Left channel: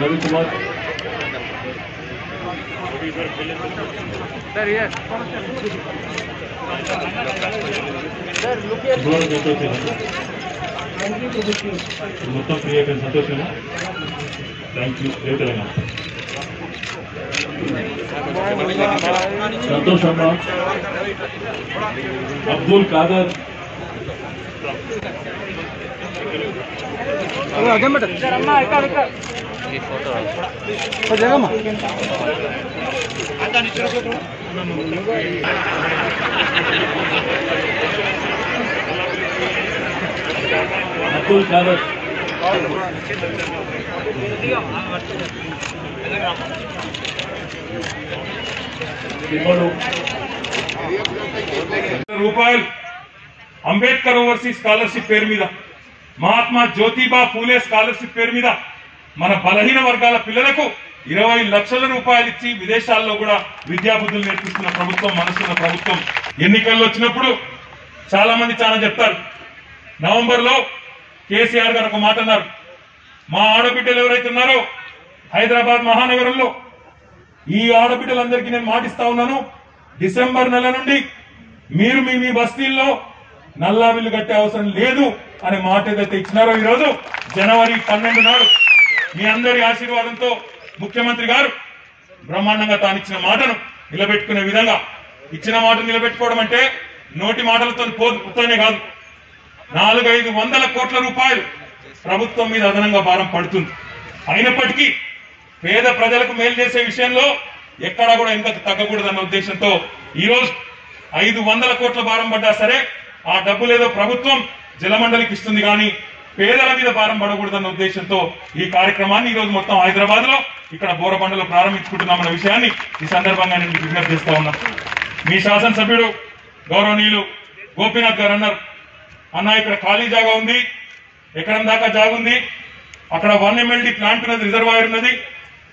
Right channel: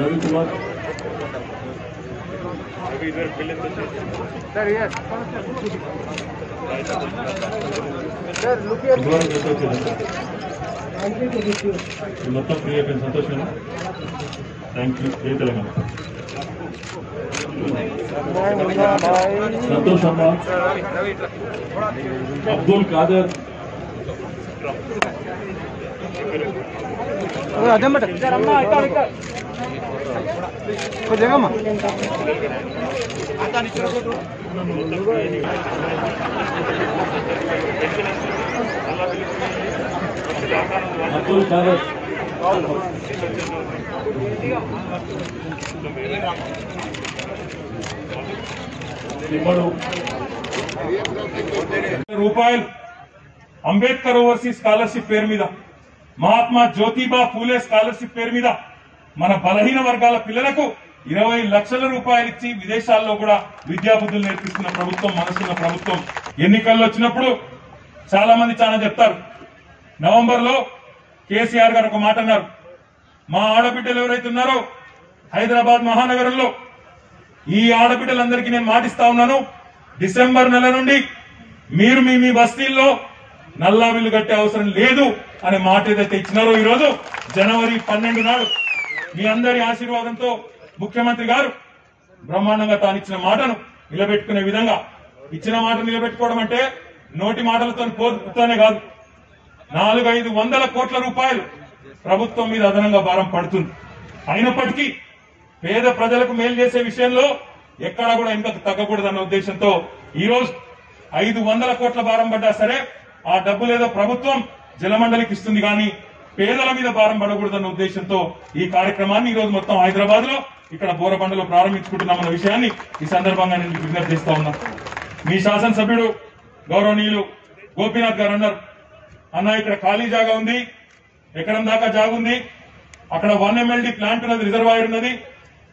रविकुमार మొత్తం ఫ్రీ అయిపోయింది. సంతోషమేనా? Thank you. తెలంగాణ సంతోష్ అమ్మ, అబ్దుల్ ఖాదర్, అబ్దుల్ ఖాదర్, రూపాయలు అంబేద్కర్ ఓవర్సీస్ స్కాలర్షిప్ పేరు మీద, మహాత్మా జ్యోతిబా ఫూలే స్కాలర్షిప్ పేరు మీద మన బలహీన వర్గాల పిల్లలకు 20 లక్షల రూపాయలు ఇచ్చి విదేశాల్లో కూడా విద్యాబుద్ధులు నేర్పిస్తున్న ప్రభుత్వం మనసున్న ప్రభుత్వం. ఎన్నికల్లో వచ్చినప్పుడు చాలా మంది చాలా చెప్తారు. నవంబర్ లో కేసీఆర్ గారు ఒక మాట అన్నారు, మా ఆడబిడ్డలు ఎవరైతే ఉన్నారో హైదరాబాద్ మహానగరంలో ఈ ఆడబిడ్డలందరికీ నేను మాటిస్తా ఉన్నాను, డిసెంబర్ నెల నుండి మీరు మీ బస్తీల్లో నల్లా బిల్లు కట్టే అవసరం లేదు అనే మాట ఏదైతే ఇచ్చినారో ఈరోజు జనవరి 12 నాడు మీ అందరి ఆశీర్వాదంతో ముఖ్యమంత్రి గారు బ్రహ్మాండంగా తానిచ్చిన మాటను నిలబెట్టుకునే విధంగా, ఇచ్చిన మాట నిలబెట్టుకోవడం అంటే నోటి మాటలతో పోతానే కాదు, 400-500 కోట్ల రూపాయలు ప్రభుత్వం మీద అదనంగా భారం పడుతుంది. అయినప్పటికీ పేద ప్రజలకు మేలు చేసే విషయంలో ఎక్కడా కూడా ఇంకా తగ్గకూడదన్న ఉద్దేశంతో ఈరోజు 500 కోట్ల భారం పడ్డా సరే ఆ డబ్బులేదో ప్రభుత్వం జలమండలికి ఇస్తుంది, కానీ పేదల మీద భారం పడకూడదన్న ఉద్దేశంతో ఈ కార్యక్రమాన్ని ఈరోజు మొత్తం హైదరాబాద్ లో ఇక్కడ బోరబండలో ప్రారంభించుకుంటున్నామన్న విషయాన్ని ఈ సందర్భంగా నేను విజ్ఞప్తి చేస్తా ఉన్నా. మీ శాసనసభ్యుడు గౌరవనీయులు గోపీనాథ్ గారు అన్నారు, అన్న ఇక్కడ ఖాళీ జాగా ఉంది, ఎకరం దాకా జాగా ఉంది, అక్కడ 1 MLD ప్లాంట్ ఉన్నది, రిజర్వాయర్ ఉన్నది,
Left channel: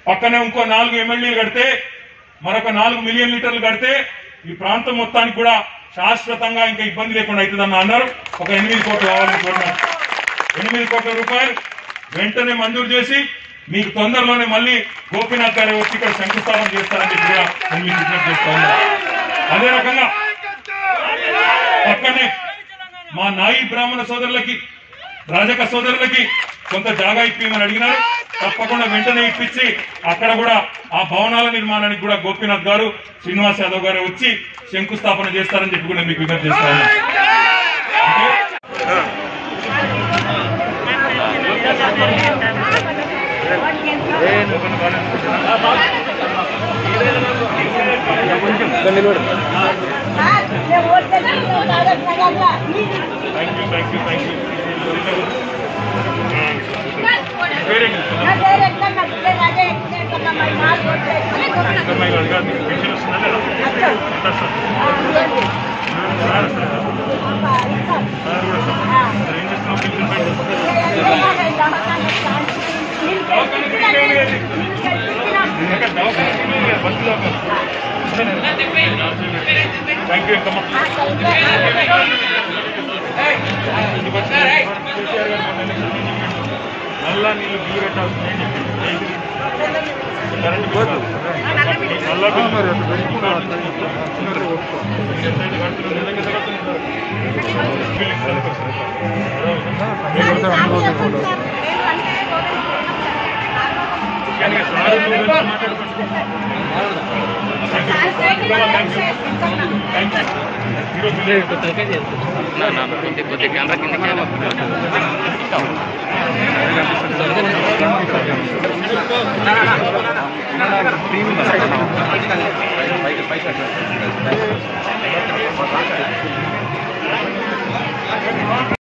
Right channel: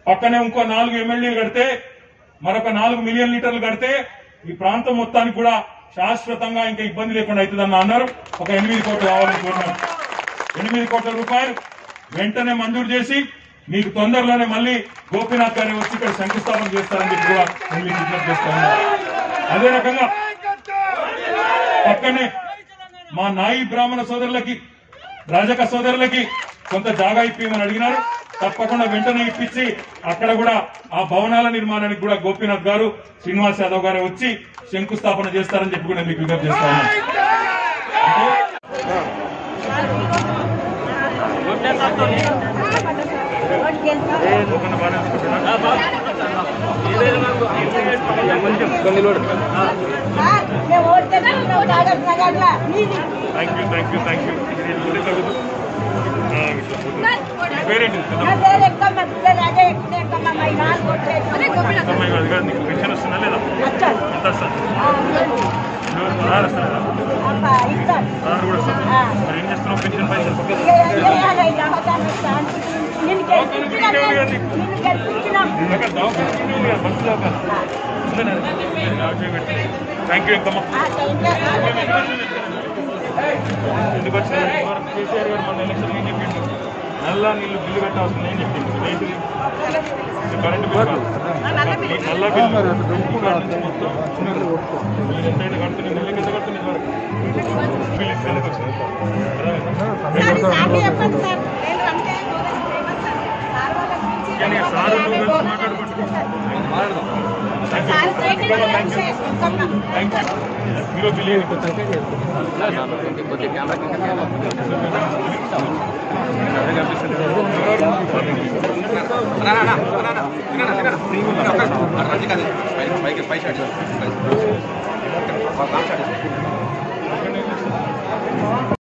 పక్కనే ఇంకో 4 MLD కడితే మరొక 4 మిలియన్ లీటర్లు కడితే ఈ ప్రాంతం మొత్తానికి కూడా శాశ్వతంగా ఇంకా ఇబ్బంది లేకుండా అవుతుందన్న అన్నారు. ఒక 8 కోట్లు కావాలని కోరినారు. 8 కోట్ల రూపాయలు వెంటనే మంజూరు చేసి మీకు తొందరలోనే మళ్ళీ గోపీనాథ్ గారు వచ్చి ఇక్కడ శంకుస్థాపన చేస్తారని చెప్పి కూడా నేను మీకు విజ్ఞప్తి చేస్తా ఉన్నా. అదే రకంగా పక్కనే మా నాయి బ్రాహ్మణ సోదరులకి, రాజక సోదరులకి కొంత జాగా ఇప్పిందని అడిగినారు. తప్పకుండా వెంటనే ఇప్పించి అక్కడ కూడా ఆ భవనాల నిర్మాణానికి కూడా గోపీనాథ్ గారు, శ్రీనివాస్ యాదవ్ గారు వచ్చి శంకుస్థాపన చేస్తారని చెప్పి కూడా మీకు విజ్ఞప్తి చేస్తా ఉన్నాను. నల్లా నీళ్ళు బిల్లు కట్టాల్సిందని చెప్పి కరెంట్ పోదు, నల్లా బిల్లు పైకి